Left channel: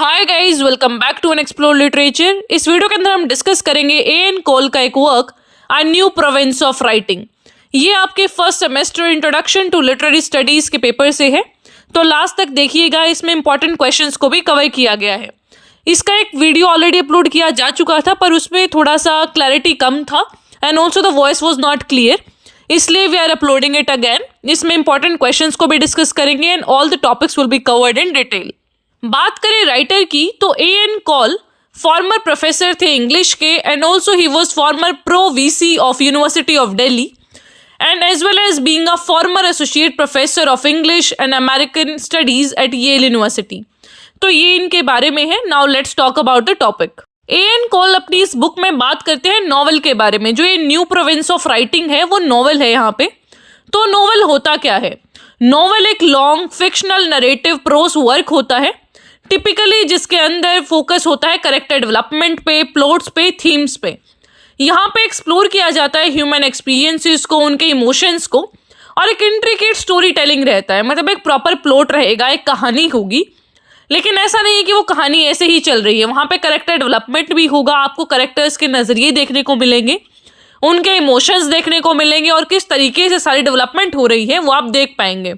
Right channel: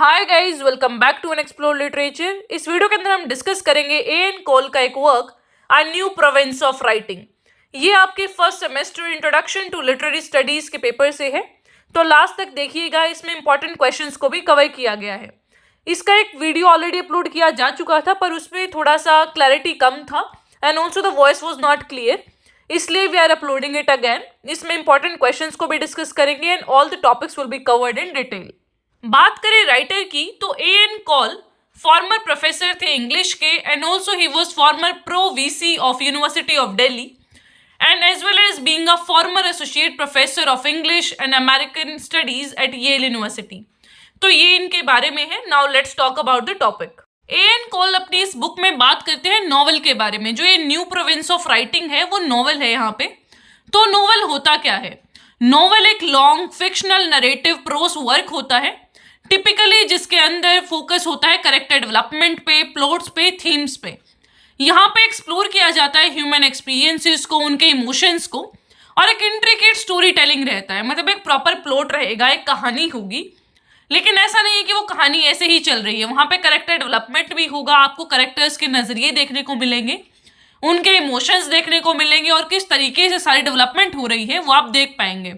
Hi guys, welcome back to an explore literature. इस video के अंदर हम डिस्कस करेंगे एन कॉल का एक work a new province of writing. ये आपके first semester introduction to literary studies के पेपर से है, तो लास्ट तक देखिएगा। इसमें इंपॉर्टेंट क्वेश्चंस को भी कवर किया गया है। इसका एक वीडियो ऑलरेडी अपलोड किया जा चुका था, पर उसमें थोड़ा सा क्लैरिटी कम था and also the voice was not clear, इसलिए we are uploading it again. इसमें इंपॉर्टेंट क्वेश्चंस को भी डिस्कस करेंगे and all the topics will be covered in detail. बात करें राइटर की, तो A N Kaul former professor थे इंग्लिश के and also he was former pro VC of university of Delhi and as well as being a former associate professor of English and American studies at Yale University. तो ये इनके बारे में है। Now let's talk about the topic. A N Kaul अपनी इस book में बात करते हैं नॉवल के बारे में। जो ये न्यू प्रोविंस ऑफ राइटिंग है वो नॉवल है यहाँ पे। तो नॉवल होता क्या है? नॉवल एक long fictional narrative pros work होता है, टिपिकली जिसके अंदर फोकस होता है कैरेक्टर डेवलपमेंट पे, प्लॉट्स पे, थीम्स पे। यहाँ पे एक्सप्लोर किया जाता है ह्यूमन एक्सपीरियंसेस को, उनके इमोशंस को, और एक इंट्रिकेट स्टोरी टेलिंग रहता है। मतलब एक प्रॉपर प्लॉट रहेगा, एक कहानी होगी, लेकिन ऐसा नहीं कि वो कहानी ऐसे ही चल रही है। वहाँ पे कैरेक्टर डेवलपमेंट भी होगा, आपको कैरेक्टर्स के नज़रिए देखने को मिलेंगे, उनके इमोशंस देखने को मिलेंगे, और किस तरीके से सारी डेवलपमेंट हो रही है वो आप देख पाएंगे।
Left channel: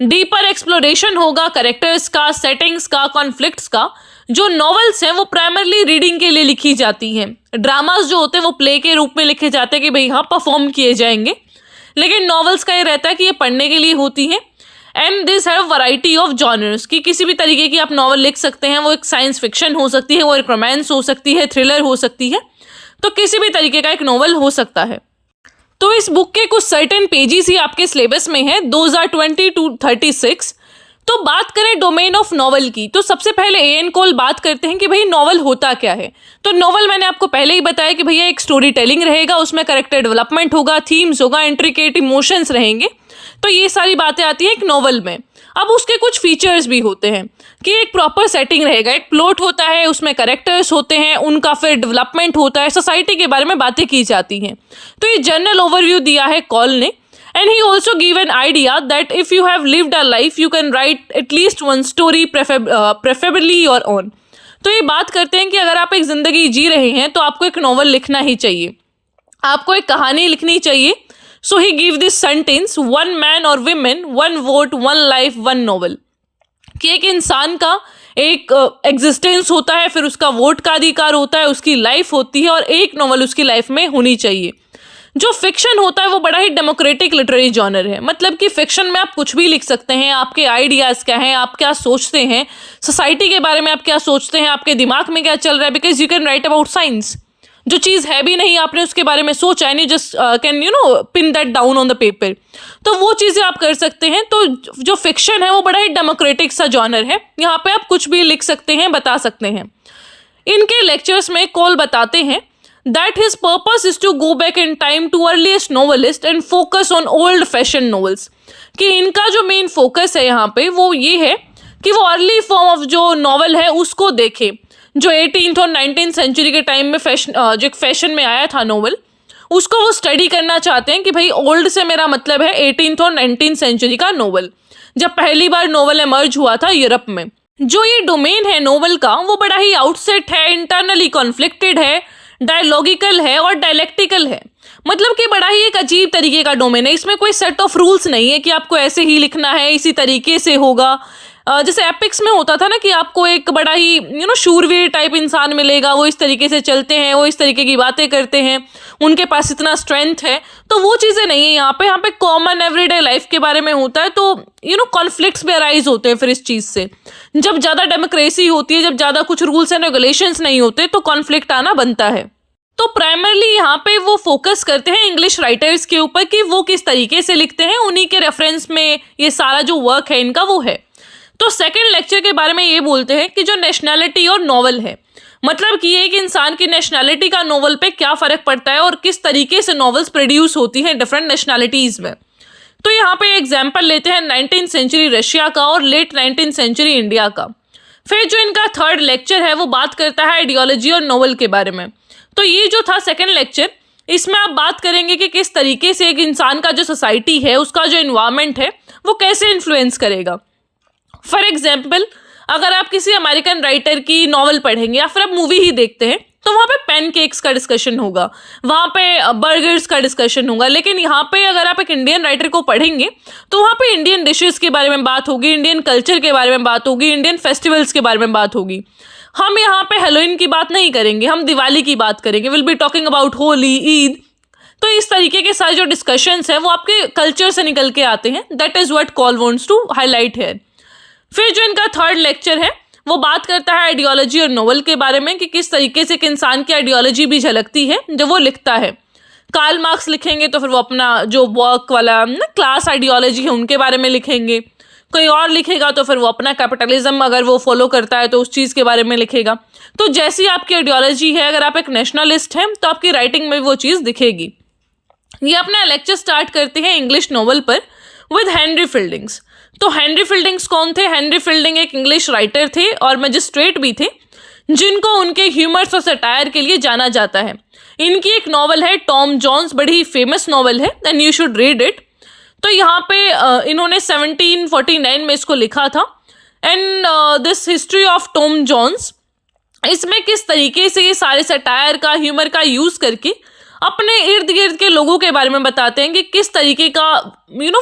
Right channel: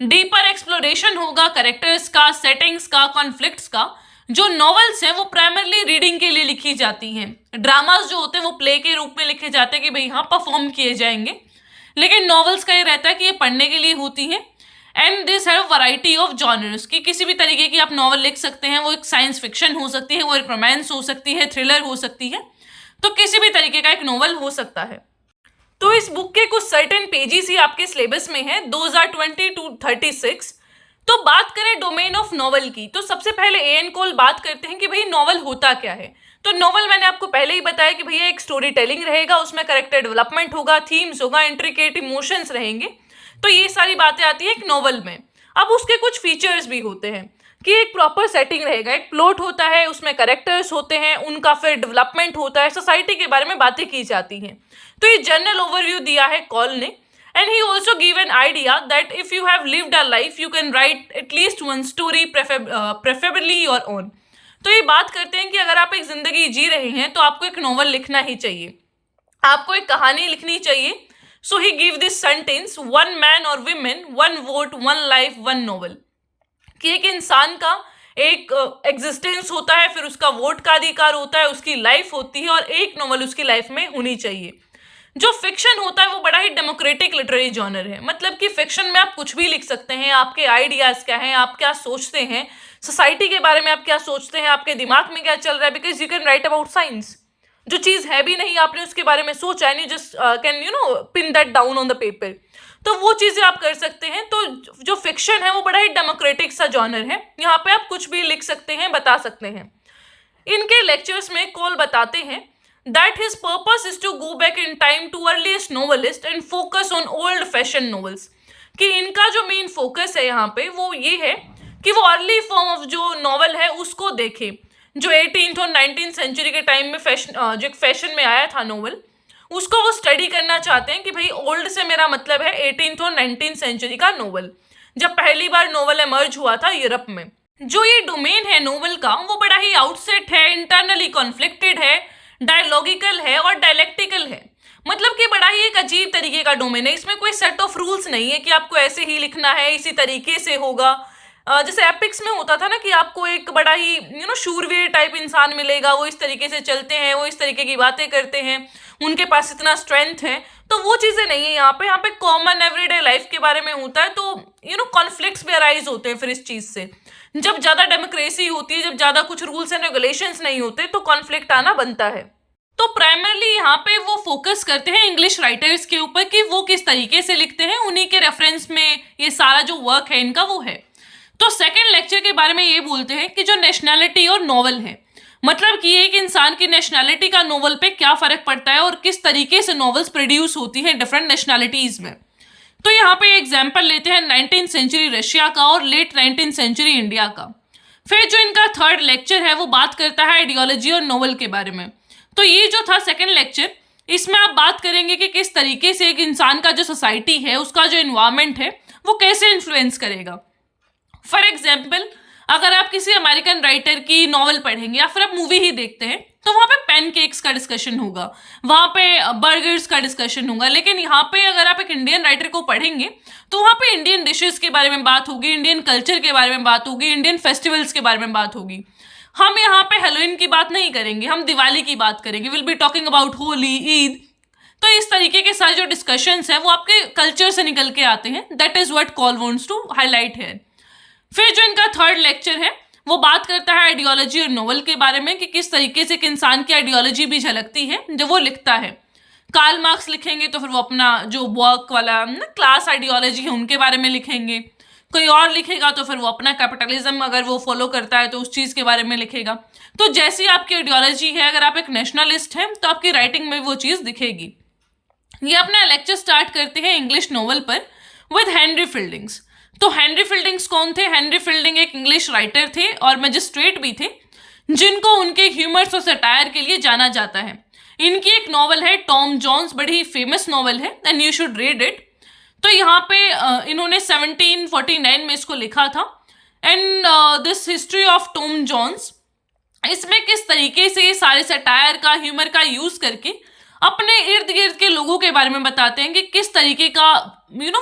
डीपर एक्सप्लोरेशन होगा कैरेक्टर्स का, सेटिंग्स का, कॉन्फ्लिक्ट्स का। जो नॉवेल्स हैं वो प्राइमरली रीडिंग के लिए लिखी जाती हैं। ड्रामास जो होते हैं वो प्ले के रूप में लिखे जाते हैं कि भाई हाँ परफॉर्म किए जाएंगे, लेकिन नॉवेल्स का ये रहता है कि ये पढ़ने के लिए होती हैं। And this have variety of genres, कि किसी भी तरीके की आप नॉवल लिख सकते हैं। वो एक साइंस फिक्शन हो सकती है, वो एक रोमांस हो सकती है, थ्रिलर हो सकती है, तो किसी भी तरीके का एक नॉवल हो सकता है। तो इस बुक के कुछ सर्टेन पेजेस ही आपके सिलेबस में है, 2020 to 36। तो बात करें डोमेन ऑफ नॉवल की, तो सबसे पहले ए एन कॉल बात करते हैं कि भाई नॉवल होता क्या है। तो नॉवल मैंने आपको पहले ही बताया कि भैया एक स्टोरी टेलिंग रहेगा, उसमें कैरेक्टर डेवलपमेंट होगा, थीम्स होगा, इंट्रिकेट इमोशंस रहेंगे। तो ये सारी बातें आती हैं एक नॉवल में। अब उसके कुछ फीचर्स भी होते हैं कि एक प्रॉपर सेटिंग रहेगा, एक प्लॉट होता है, उसमें कैरेक्टर्स होते हैं, उनका फिर डेवलपमेंट होता है, सोसाइटी के बारे में बातें की जाती हैं। तो ये जनरल ओवरव्यू दिया है कॉल ने। And he also give an idea that if you have lived a life you can write at least one story, preferably your own. तो ये बात करते हैं कि अगर आप एक जिंदगी जी रहे हैं तो आपको एक नॉवल लिखना ही चाहिए, आपको एक कहानी लिखनी चाहिए। So he give this sentence, one man और women, one vote, one life, one novel. कि एक इंसान का एक एग्जिस्टेंस होता है, फिर उसका वोट का अधिकार होता है, उसकी लाइफ होती है, और एक नॉवल उसकी लाइफ में होनी चाहिए। जो फिक्शन होता है वो बड़ा ही डेमोक्रेटिक लिटरेरी जॉनर है। मतलब कि फिक्शन में आप कुछ भी लिख सकते हैं। आपके आइडियाज़ क्या हैं, आप क्या सोचते हैं, सोसाइटी के बारे में आप क्या सोचते हैं, आपके दिमाग में क्या चल रहा है, because you can write about science. जो चीज़ है भी नहीं, आपने उसके बारे में सोचा and you just can pin that down on the paper, तो वो चीज़ें आप कर सकते हैं। तो जो फिक्शन है वो बड़ा ही डेमोक्रेटिक सा जॉनर है। यहाँ पे आप कुछ भी लिख सकते हैं, बता सकते हैं। इनके लेक्चर्स में कॉल बताते हैं that his purpose is to go back in time to earliest novelist and focus on old fashioned novels। कि इनका जो मेन फोकस है यहाँ पे वो ये है कि वो अर्ली फॉर्म ऑफ जो नॉवल है उसको देखे, जो 18th और 19th सेंचुरी के टाइम में जो फैशन में आया था नॉवल, उसको वो स्टडी करना चाहते हैं। कि भाई ओल्ड से मेरा मतलब है 18th और 19th सेंचुरी का नॉवल, जब पहली बार नॉवल एमर्ज हुआ था यूरोप में। जो ये डोमेन है नॉवल का वो बड़ा ही आउटसेट है, इंटरनली कॉन्फ्लिक्टेड है, डायलॉगिकल है और डायलेक्टिकल है। मतलब कि बड़ा ही एक अजीब तरीके का डोमेन है। इसमें कोई सेट ऑफ रूल्स नहीं है कि आपको ऐसे ही लिखना है, इसी तरीके से होगा। जैसे एपिक्स में होता था ना कि आपको एक बड़ा ही शूरवीर टाइप इंसान मिलेगा, वो इस तरीके से चलते हैं, वो इस तरीके की बातें करते हैं, उनके पास इतना स्ट्रेंथ है। तो वो चीज़ें नहीं है यहाँ पे कॉमन एवरीडे लाइफ के बारे में होता है। तो कॉन्फ्लिक्ट्स भी अराइज होते हैं फिर इस चीज़ से। जब ज़्यादा डेमोक्रेसी होती है, जब ज़्यादा कुछ रूल्स एंड रेगुलेशंस नहीं होते, तो कॉन्फ्लिक्ट आना बनता है। तो प्राइमरली यहाँ पे वो फोकस करते हैं इंग्लिश राइटर्स के ऊपर कि वो किस तरीके से लिखते हैं, उन्हीं के रेफरेंस में ये सारा जो वर्क है इनका वो है। तो सेकंड लेक्चर के बारे में ये बोलते हैं कि जो नेशनैलिटी और नॉवल है, मतलब कि एक इंसान की नेशनैलिटी का नॉवल पे क्या फ़र्क पड़ता है और किस तरीके से नॉवेल्स प्रोड्यूस होती हैं डिफरेंट नेशनैलिटीज़ में। तो यहाँ पे एग्जाम्पल लेते हैं 19th सेंचुरी रशिया का और लेट 19th सेंचुरी इंडिया का। फिर जो इनका थर्ड लेक्चर है वो बात करता है आइडियोलॉजी और नॉवल के बारे में। तो ये जो था सेकंड लेक्चर, इसमें आप बात करेंगे कि किस तरीके से एक इंसान का जो सोसाइटी है, उसका जो इन्वायरमेंट है, वो कैसे इन्फ्लुएंस करेगा। फॉर एग्जाम्पल अगर आप किसी अमेरिकन राइटर की नॉवल पढ़ेंगे या फिर आप मूवी ही देखते हैं तो वहाँ पे पैनकेक्स का डिस्कशन होगा, वहाँ पे बर्गर्स का डिस्कशन होगा। लेकिन यहाँ पे अगर आप एक इंडियन राइटर को पढ़ेंगे तो वहाँ पे इंडियन डिशेस के बारे में बात होगी, इंडियन कल्चर के बारे में बात होगी, इंडियन फेस्टिवल्स के बारे में बात होगी। हम यहाँ पे हेलोइन की बात नहीं करेंगे, हम दिवाली की बात करेंगे, will be talking about Holi, Eid. तो इस तरीके के सारे जो डिस्कशंस हैं वो आपके कल्चर से निकल के आते हैं। That is what Kaul wants to highlight here. फिर जो इनका थर्ड लेक्चर है वो बात करता है आइडियोलॉजी और नोवेल के बारे में, कि किस तरीके से एक इंसान की आइडियोलॉजी भी झलकती है जब वो लिखता है। कार्ल मार्क्स लिखेंगे तो फिर वो अपना जो वर्क वाला ना क्लास आइडियोलॉजी है उनके बारे में लिखेंगे, कोई और लिखेगा तो फिर वो अपना कैपिटलिज्म अगर वो फॉलो करता है तो उस चीज़ के बारे में लिखेगा। तो जैसी आपकी आइडियोलॉजी है, अगर आप एक नेशनलिस्ट हैं तो आपकी राइटिंग में वो चीज़ दिखेगी। ये अपना लेक्चर स्टार्ट करते हैं इंग्लिश नोवेल पर विद हेनरी फिल्डिंग्स। तो हेनरी फिल्डिंग्स कौन थे? हेनरी फिल्डिंग एक इंग्लिश राइटर थे और मजिस्ट्रेट भी थे, जिनको उनके ह्यूमर्स और सटायर के लिए जाना जाता है। इनकी एक नॉवल है टॉम जॉन्स, बड़ी फेमस नॉवल है and you should read it. तो यहाँ पे इन्होंने 1749 में इसको लिखा था। And this history of Tom Jones, इसमें किस तरीके से ये सारे सटायर का, ह्यूमर का यूज़ करके अपने इर्द गिर्द के लोगों के बारे में बताते हैं कि किस तरीके का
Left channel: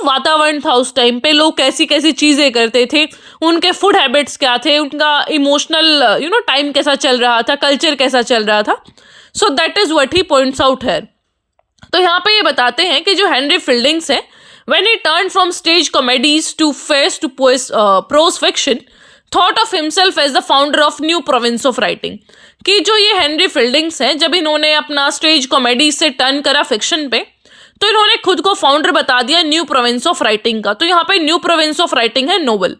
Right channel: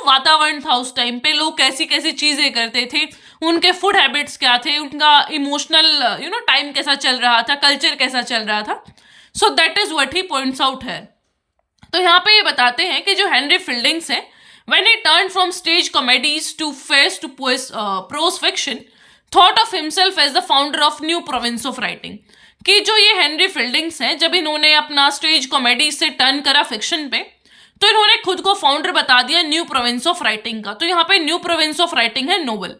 वातावरण था उस टाइम पे, लोग कैसी कैसी चीज़ें करते थे, उनके फूड हैबिट्स क्या थे, उनका इमोशनल टाइम कैसा चल रहा था, कल्चर कैसा चल रहा था। So that is what he points out है। तो यहाँ पे ये बताते हैं कि जो हेनरी फिल्डिंग्स है, when he turn from stage comedies to face to prose fiction, thought of himself as the founder of new province of writing. कि जो ये हेनरी फिल्डिंग्स हैं, जब इन्होंने अपना स्टेज कॉमेडी से टर्न करा फिक्शन पे, तो इन्होंने खुद को फाउंडर बता दिया न्यू प्रोविंस ऑफ राइटिंग का। तो यहाँ पे न्यू प्रोविंस ऑफ राइटिंग है novel,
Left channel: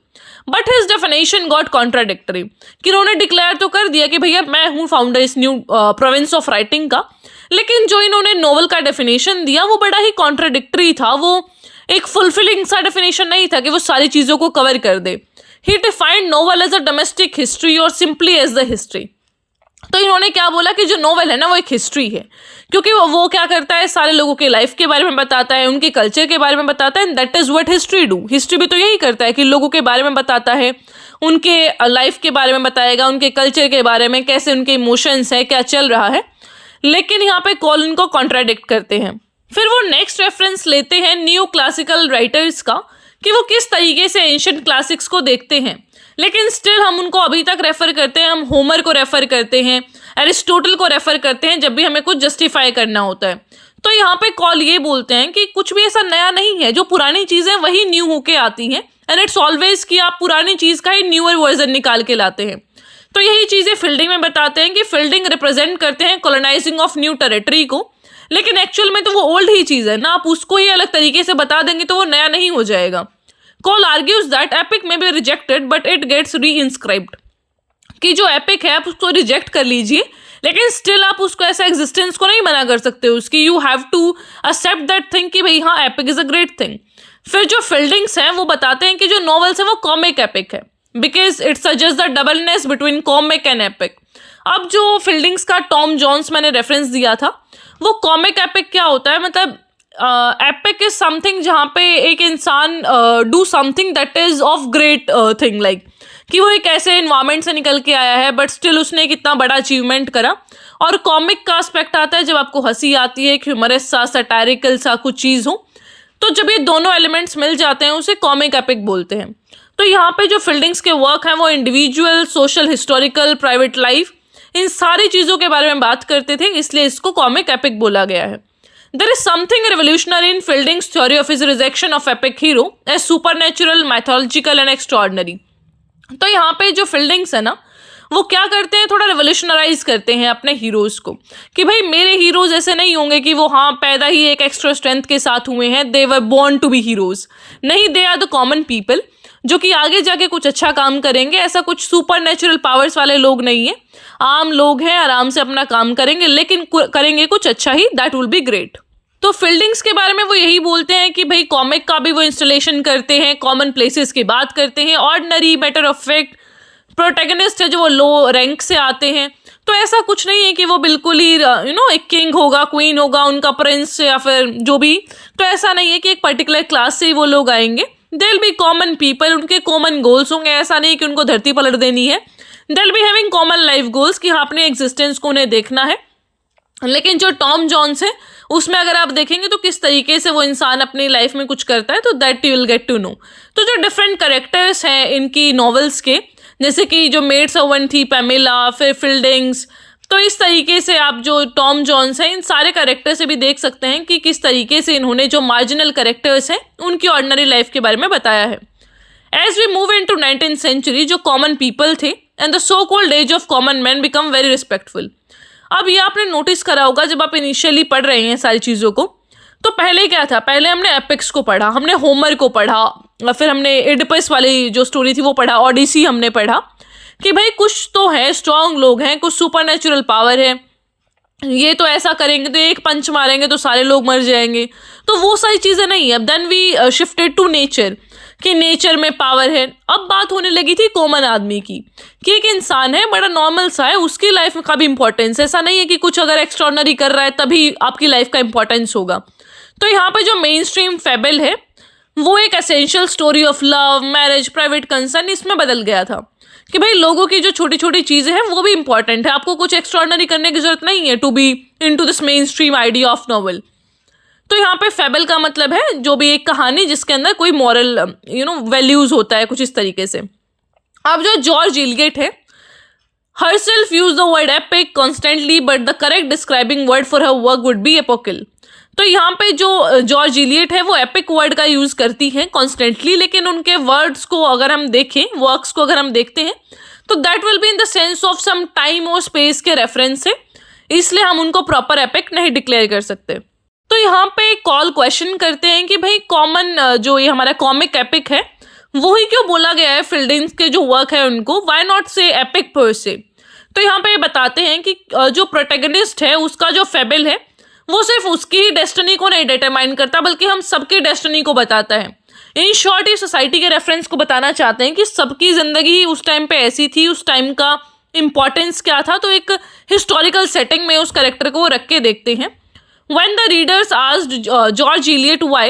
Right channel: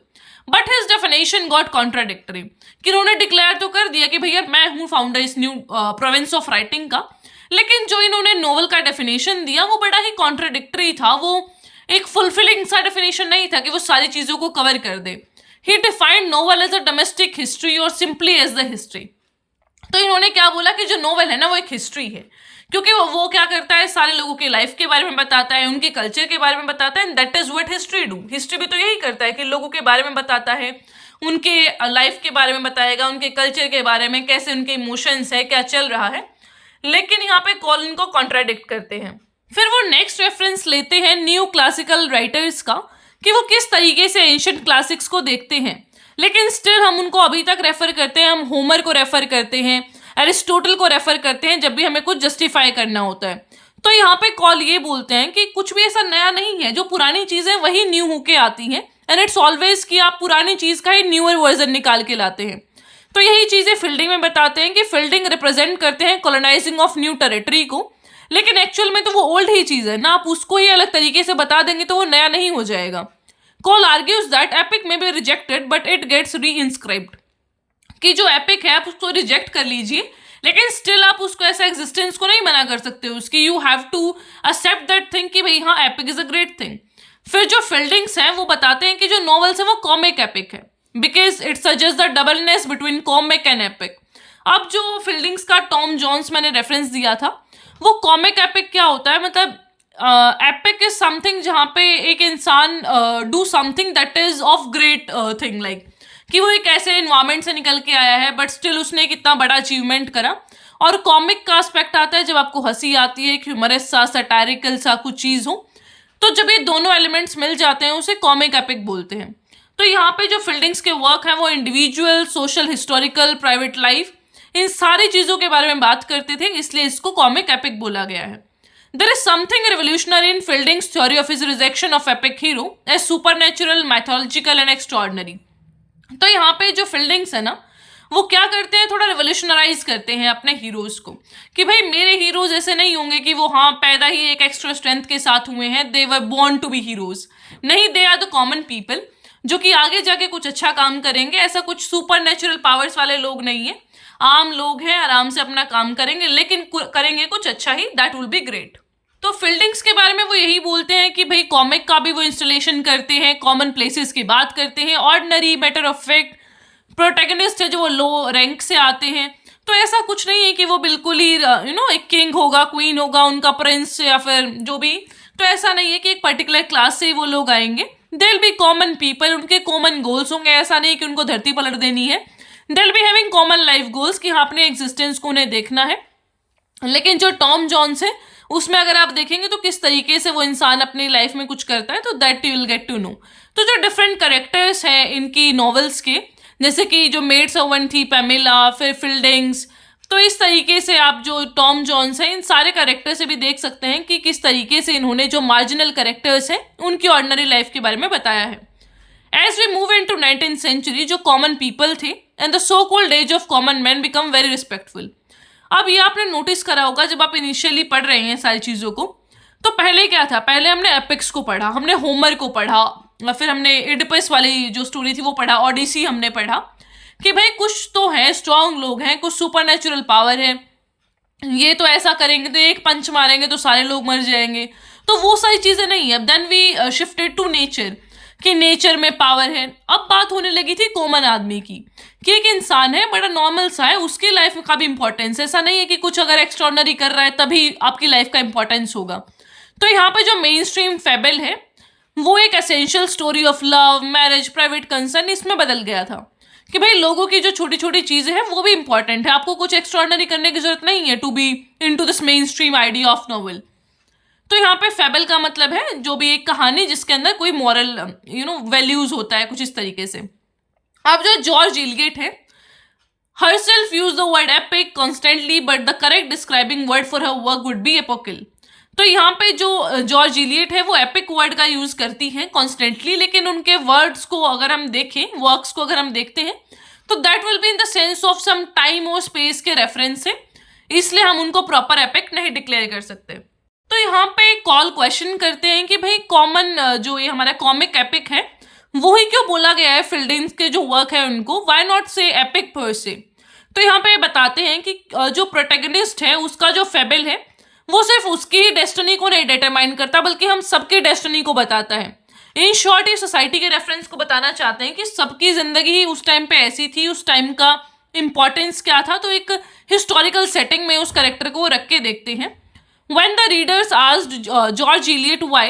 but his definition got contradictory. कि इन्होंने डिक्लेयर तो कर दिया कि भैया मैं हूँ फाउंडर इस न्यू प्रोविंस ऑफ राइटिंग का, लेकिन जो इन्होंने नोवेल का डेफिनेशन दिया वो बड़ा ही कॉन्ट्राडिक्टरी था। वो एक फुलफिलिंग सा डेफिनेशन नहीं था कि वो सारी चीज़ों को कवर कर दे। He defined novel as a domestic history और सिंपली एज द हिस्ट्री। तो इन्होंने क्या बोला कि जो नोवेल है ना वो एक हिस्ट्री है, क्योंकि वो क्या करता है, सारे लोगों के लाइफ के बारे में बताता है, उनके कल्चर के बारे में बताता है। That is what history do. History भी तो यही करता है कि लोगों के बारे में बताता है, उनके लाइफ के बारे में बताएगा, उनके कल्चर के बारे में, कैसे उनके इमोशंस है, क्या चल रहा है। लेकिन यहाँ पे कॉल उनको कॉन्ट्राडिक्ट करते हैं। फिर वो नेक्स्ट रेफरेंस लेते हैं न्यू क्लासिकल राइटर्स का, कि वो किस तरीके से एंशिएंट क्लासिक्स को देखते हैं। लेकिन स्टिल हम उनको अभी तक रेफ़र करते हैं, हम होमर को रेफ़र करते हैं, एरिस्टोटल को रेफ़र करते हैं जब भी हमें कुछ जस्टिफाई करना होता है। तो यहाँ पे कॉल ये बोलते हैं कि कुछ भी ऐसा नया नहीं है, जो पुरानी चीज़ें वही न्यू होके आती हैं, एंड इट्स ऑलवेज कि आप पुरानी चीज़ का ही न्यूअर वर्जन निकाल के लाते हैं। तो यही चीज़ें फील्डिंग में बताते हैं कि फील्डिंग रिप्रेजेंट करते हैं कॉलोनाइजिंग ऑफ न्यू टेरिटरी को, लेकिन एक्चुअल में तो वो ओल्ड ही चीज़ है ना, आप उसको ही अलग तरीके से बता देंगे तो वो नया नहीं हो जाएगा। Cole argues that epic may be rejected but it gets re-inscribed। कि जो एपिक है आप उसको रिजेक्ट कर लीजिए, लेकिन स्टिल आप उसको ऐसा एग्जिस्टेंस को नहीं मना कर सकते उसकी। You have to accept that thing कि भाई हाँ epic is a great thing. फिर जो फील्डिंग्स हैं वो बताते हैं कि जो नॉवेल्स है वो कॉमिक एपिक है, because it suggest the doubleness between comic and epic. अब जो फील्डिंग्स का टॉम जॉन्स मैंने रेफरेंस दिया था, वो कॉमिक एपिक क्या होता है, मतलब एपिक इज समथिंग जहाँ पे एक इंसान do something that is of great thing, like कि वो एक ऐसे इन्वायरमेंट से निकल के आया है बट स्टिल उसने एक इतना बड़ा अचीवमेंट करा। और कॉमिक का एस्पेक्ट आता है जब आपको हंसी आती है, ह्यूमरस सा, सटायरिकल सा कुछ चीज़ हो। तो जब ये दोनों एलिमेंट्स मिल जाते हैं उसे कॉमिक एपिक बोलते हैं। तो यहाँ पे जो फील्डिंग्स के वर्क हैं वो individual, social, historical, private life, इन सारी चीज़ों के बारे में बात करते थे, इसलिए इसको कॉमिक एपिक बोला गया है। There is something revolutionary in Fielding's theory of his rejection of epic hero as supernatural, mythological and extraordinary। तो यहाँ पे जो फील्डिंग्स है ना वो क्या करते हैं, थोड़ा रेवोल्यूशनराइज करते हैं अपने हीरोज़ को, कि भाई मेरे हीरोज़ ऐसे नहीं होंगे कि वो हाँ पैदा ही एक एक्स्ट्रा स्ट्रेंथ के साथ हुए हैं, they were born to be heroes. नहीं, they are the common people जो कि आगे जाके कुछ अच्छा काम करेंगे। ऐसा कुछ सुपर नेचुरल पावर्स वाले लोग नहीं हैं, आम लोग हैं, आराम से अपना काम करेंगे, लेकिन करेंगे कुछ अच्छा ही, दैट विल बी ग्रेट। तो फील्डिंग्स के बारे में वो यही बोलते हैं कि भाई कॉमिक का भी वो इंस्टॉलेशन करते हैं, कॉमन प्लेसेस की बात करते हैं, ordinary, matter of fact, protagonist है जो वो लो रैंक से आते हैं। तो ऐसा कुछ नहीं है कि वो बिल्कुल ही एक किंग होगा, क्वीन होगा, उनका प्रिंस या फिर जो भी। तो ऐसा नहीं है कि एक पर्टिकुलर क्लास से ही वो लोग आएंगे। They will be common people, उनके कॉमन गोल्स होंगे, ऐसा नहीं कि उनको धरती पलट देनी है। They will be having common life goals कि हाँ अपने एग्जिस्टेंस को उन्हें देखना है। लेकिन जो टॉम जॉन्स है उसमें अगर आप देखेंगे तो किस तरीके से वो इंसान अपनी लाइफ में कुछ करता है, तो that you will get to know. तो जो डिफरेंट करेक्टर्स हैं इनकी नॉवेल्स के, जैसे कि जो मेड सर्वेंट थी पैमेला, फिर फिल्डिंग्स, तो इस तरीके से आप जो टॉम जॉन्स हैं इन सारे करेक्टर से भी देख सकते हैं कि किस तरीके से इन्होंने जो मार्जिनल करेक्टर्स हैं उनकी ऑर्डिनरी लाइफ के बारे में बताया है। As we move into 19th century, जो कॉमन पीपल थे and the so called age of common man become very respectful. अब ये आपने नोटिस करा होगा जब आप इनिशियली पढ़ रहे हैं सारी चीज़ों को, तो पहले क्या था, पहले हमने एपिक्स को पढ़ा, हमने होमर को पढ़ा, फिर हमने एडिपस वाली जो स्टोरी थी वो पढ़ा, ओडिसी हमने पढ़ा कि भाई कुछ तो है, स्ट्रांग लोग हैं, कुछ सुपर नेचुरल पावर है, ये तो ऐसा करेंगे तो एक पंच मारेंगे तो सारे लोग मर जाएंगे, तो वो सारी चीज़ें नहीं है। Then we shifted to nature कि नेचर में पावर है। अब बात होने लगी थी कॉमन आदमी की कि एक इंसान है बड़ा नॉर्मल सा है, उसकी लाइफ का भी इंपॉर्टेंस, ऐसा नहीं है कि कुछ अगर एक्स्ट्रॉर्डनरी कर रहा है तभी आपकी लाइफ का इंपॉर्टेंस होगा। तो यहाँ पे जो मेन स्ट्रीम फेबल है वो एक essential story of love, marriage, private concern इसमें बदल गया था कि भाई लोगों की जो छोटी छोटी चीज़ें हैं वो भी इंपॉर्टेंट है, आपको कुछ एक्स्ट्रॉर्डनरी करने की जरूरत नहीं है to be into this mainstream idea of novel. तो यहाँ पे फेबल का मतलब है जो भी एक कहानी जिसके अंदर कोई मॉरल वैल्यूज होता है, कुछ इस तरीके से। अब जो जॉर्ज इलियट है, herself use the word epic constantly but the correct describing word for her work would be epochal। तो यहाँ पे जो जॉर्ज इलियट है वो एपिक वर्ड का यूज़ करती हैं कॉन्स्टेंटली, लेकिन उनके वर्ड्स को अगर हम देखें, वर्क्स को अगर हम देखते हैं तो that will be in the sense of some time और स्पेस के रेफरेंस से, इसलिए हम उनको प्रॉपर एपिक नहीं डिक्लेयर कर सकते। तो यहाँ पे कॉल क्वेश्चन करते हैं कि भाई कॉमन जो ये हमारा कॉमिक एपिक है वो ही क्यों बोला गया है फिल्डिंग्स के जो वर्क है उनको, वाई नॉट से एपिक पर से। तो यहाँ पे बताते हैं कि जो प्रोटैगनिस्ट है उसका जो फेबल है वो सिर्फ उसकी ही डेस्टिनी को नहीं डिटरमाइन करता बल्कि हम सबकी डेस्टिनी को बताता है। इन शॉर्ट ये सोसाइटी के रेफरेंस को बताना चाहते हैं कि सबकी ज़िंदगी उस टाइम पे ऐसी थी, उस टाइम का इम्पोर्टेंस क्या था, तो एक हिस्टोरिकल सेटिंग में उस कैरेक्टर को रख के देखते हैं। When the readers asked George Eliot why,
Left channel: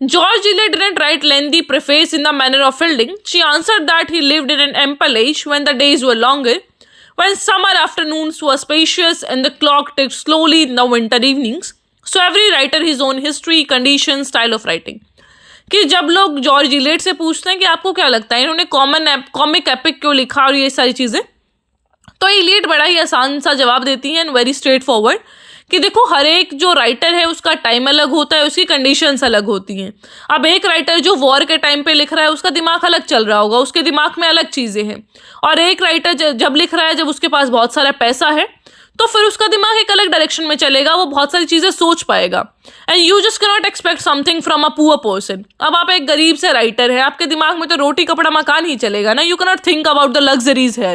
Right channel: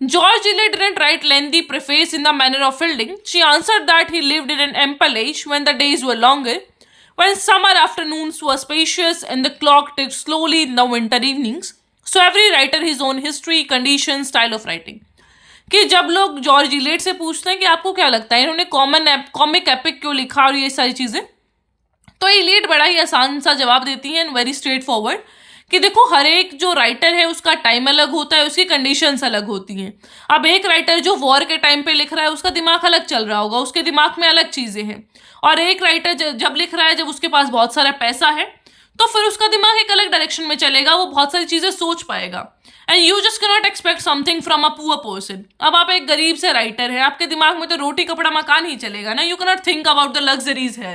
George Eliot didn't write lengthy preface in the manner of Fielding. She answered that he lived in an ample age when the days were longer, when summer afternoons were spacious and the clock ticked slowly in the winter evenings. So every writer his own history, condition, style of writing. कि जब लोग George Eliot से पूछते हैं कि आपको क्या लगता है इन्होंने कॉमिक एपिक क्यों लिखा और ये सारी चीज़ें, तो इलियट बड़ा ही आसान सा जवाब देती हैं एंड वेरी स्ट्रेट फॉरवर्ड कि देखो हर एक जो राइटर है उसका टाइम अलग होता है, उसकी कंडीशंस अलग होती हैं। अब एक राइटर जो वॉर के टाइम पे लिख रहा है उसका दिमाग अलग चल रहा होगा, उसके दिमाग में अलग चीज़ें हैं, और एक राइटर जब लिख रहा है जब उसके पास बहुत सारा पैसा है तो फिर उसका दिमाग एक अलग डायरेक्शन में चलेगा, वो बहुत सारी चीज़ें सोच पाएगा। And you just can not expect something from a poor person. अब आप एक गरीब से राइटर है, आपके दिमाग में तो रोटी कपड़ा मकान ही चलेगा ना, you can not think about the luxuries है,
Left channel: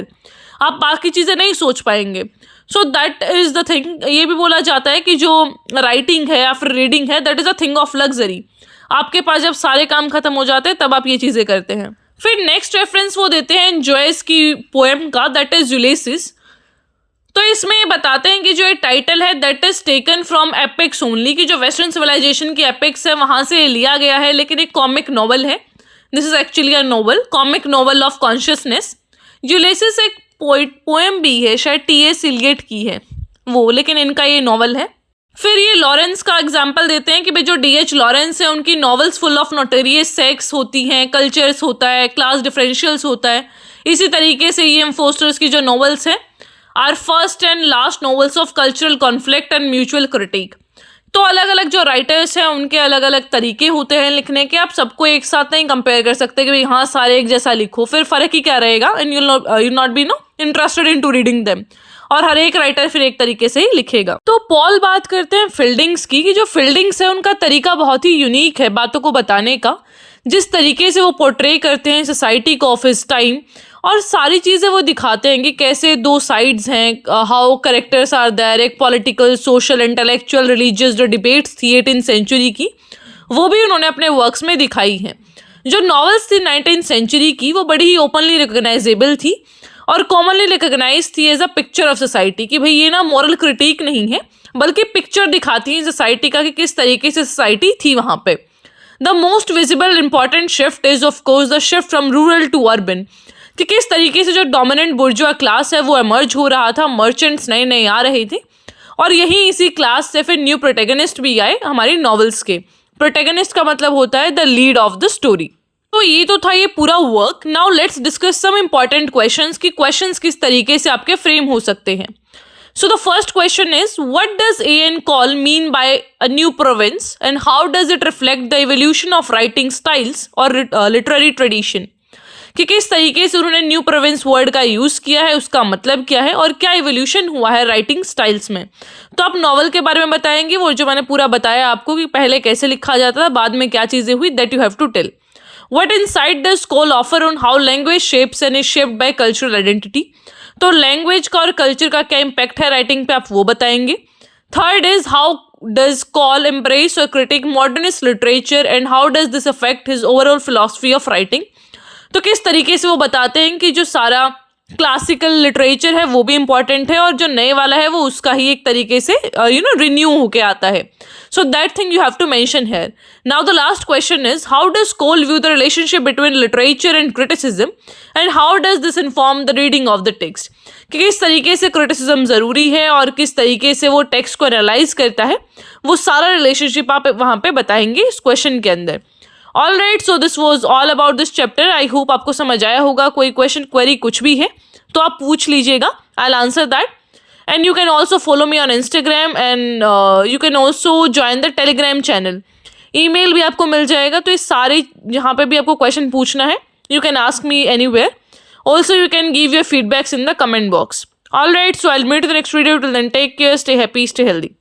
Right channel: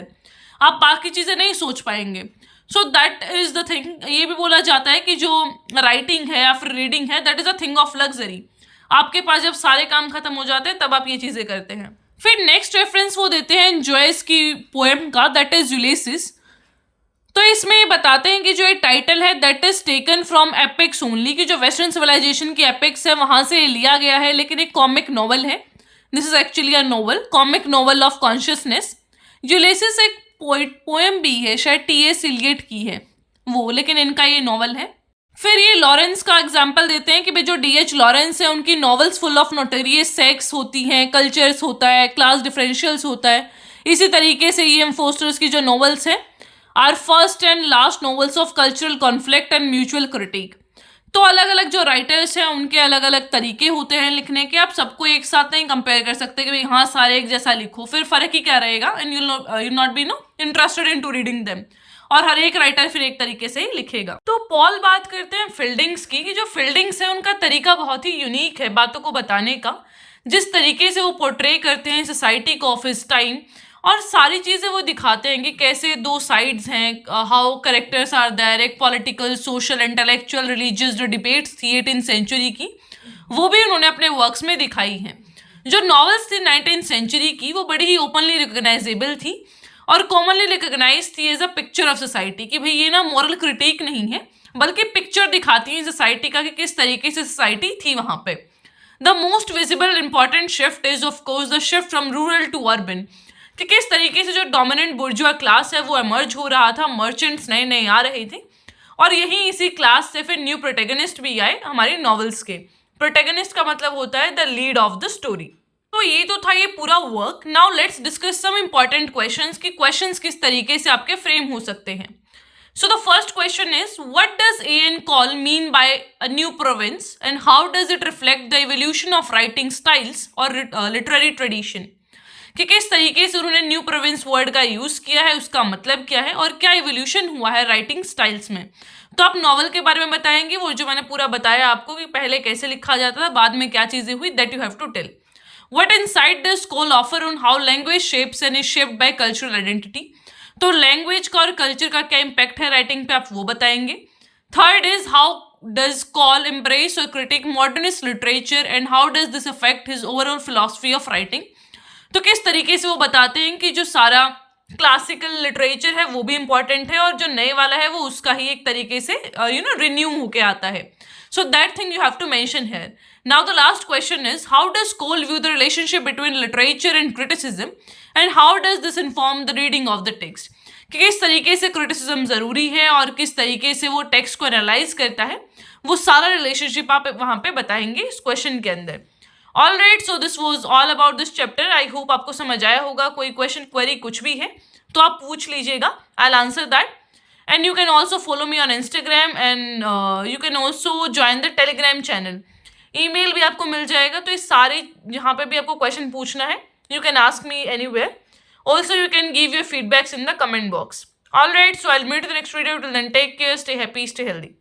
आप बाकी चीज़ें नहीं सोच पाएंगे। So that is the thing. ये भी बोला जाता है कि जो राइटिंग है या फिर रीडिंग है that is a thing of luxury. आपके पास जब सारे काम खत्म हो जाते हैं तब आप ये चीज़ें करते हैं। फिर नेक्स्ट रेफरेंस वो देते हैं जॉयस की पोएम का, दैट इज़ यूलिसिस। तो इसमें बताते हैं कि जो एक टाइटल है that is taken from epics only, कि जो वेस्टर्न सिविलाइजेशन की एपिक्स है वहाँ से लिया गया है, लेकिन एक कॉमिक नॉवल है। This is actually a novel, comic novel of consciousness. Ulysses एक पोएम भी है, शायद टी.एस. इलियट की है वो, लेकिन इनका ये नॉवल है। फिर ये लॉरेंस का एग्जाम्पल देते हैं कि भाई जो डी.एच. लॉरेंस है उनकी novels full of notorious sex होती हैं, कल्चर्स होता है, क्लास डिफरेंशियल्स होता है। इसी तरीके से ई.एम. फोस्टर्स की जो नॉवेल्स हैं are first and last novels of cultural conflict and mutual critique. तो अलग अलग जो राइटर्स हैं उनके अलग अलग तरीके होते हैं लिखने के, आप सबको एक साथ नहीं कंपेयर कर सकते कि भाई हाँ सारे एक जैसा लिखो, फिर फ़र्क ही क्या रहेगा, and you not be interested in to reading them, और हर एक राइटर फिर एक तरीके से ही लिखेगा। तो पॉल बात करते हैं फील्डिंग्स की, कि जो फील्डिंग्स है उनका तरीका बहुत ही यूनिक है बातों को बताने का, जिस तरीके से वो पोर्ट्रे करते हैं सोसाइटी को ऑफ हिज टाइम, और सारी चीज़ें वो दिखाते हैं कि कैसे दो साइड्स हैं, हाउ करेक्टर्स आर देयर, एक पॉलिटिकल, सोशल, इंटेलेक्चुअल, रिलीजियस जो डिबेट्स थी 18th सेंचुरी की वो भी उन्होंने अपने वर्क्स में दिखाई हैं। जो नॉवेल्स थी 19th सेंचुरी की वो बड़ी ही ओपनली रिकग्नाइजेबल थी और कॉमनली रिकग्नाइज थी as a picture of society, कि भाई ये ना मॉरल क्रिटिक नहीं है बल्कि पिक्चर दिखाती है सोसाइटी का कि किस तरीके से सोसाइटी थी वहाँ पे। The most visible important shift is of course the shift from rural to urban, कि किस तरीके से जो डोमिनेंट बुर्जुआ क्लास है वो एमर्ज हो रहा था, मर्चेंट्स नए नए आ रहे थे, और यही इसी क्लास से फिर न्यू प्रोटेगनिस्ट भी आए हमारी नॉवेल्स के। प्रोटेगनिस्ट का मतलब होता है the lead of the story. तो ये तो था ये पूरा work. Now let's discuss some important questions कि क्वेश्चंस किस तरीके से आपके फ्रेम हो सकते हैं। So the first question is what does N Kaul mean by a new province and how does it reflect the evolution of writing styles और literary tradition, कि किस तरीके से उन्होंने न्यू प्रोविंस वर्ड का यूज़ किया है, उसका मतलब क्या है और क्या इवोल्यूशन हुआ है राइटिंग स्टाइल्स में। तो आप नॉवल के बारे में बताएंगे, वो जो मैंने पूरा बताया आपको कि पहले कैसे लिखा जाता था, बाद में क्या चीज़ें हुई, that you have to tell. What insight does Cole offer on how language shapes and is shaped by cultural identity? तो लैंग्वेज का और कल्चर का क्या इम्पैक्ट है राइटिंग पे, आप वो बताएंगे। Third is how does Kaul embrace और critique modernist literature and how does this affect his overall philosophy of writing, तो किस तरीके से वो बताते हैं कि जो सारा क्लासिकल लिटरेचर है वो भी इंपॉर्टेंट है और जो नए वाला है वो उसका ही एक तरीके से रिन्यू होके आता है। So that thing you have to mention here. Now the last question is how does Cole view the relationship between literature and criticism and how does this inform the reading of the text? कि किस तरीके से criticism ज़रूरी है और किस तरीके से वो टेक्स्ट को एनालाइज करता है, वो सारा रिलेशनशिप आप वहाँ पे बताएंगे इस क्वेश्चन के अंदर। All right, so this was all about this chapter. I hope आपको समझ आया होगा। कोई क्वेश्चन क्वेरी कुछ भी है तो आप पूछ लीजिएगा, I will answer that. And you can also follow me on Instagram and you can also join the Telegram channel. Email भी आपको मिल जाएगा, तो इस सारे यहाँ पे भी आपको क्वेश्चन पूछना है, you can ask me anywhere. Also you can give your feedbacks in the comment box. All right, so I'll meet you in the next video. Till then, take care, stay happy, stay healthy.